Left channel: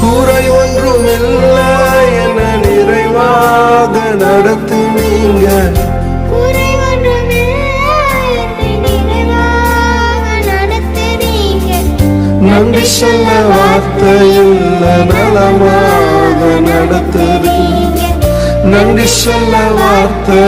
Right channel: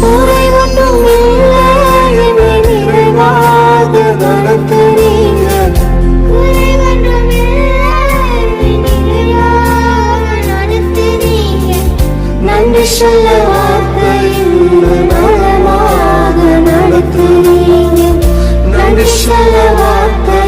குறை ஒன்றும் இல்லை என நிறைவாக நடத்துவீங்க. நன்றி சொல்ல வார்த்தை இல்ல, நலமாக நடத்துவீங்க. நன்றி சொல்ல வார்த்தை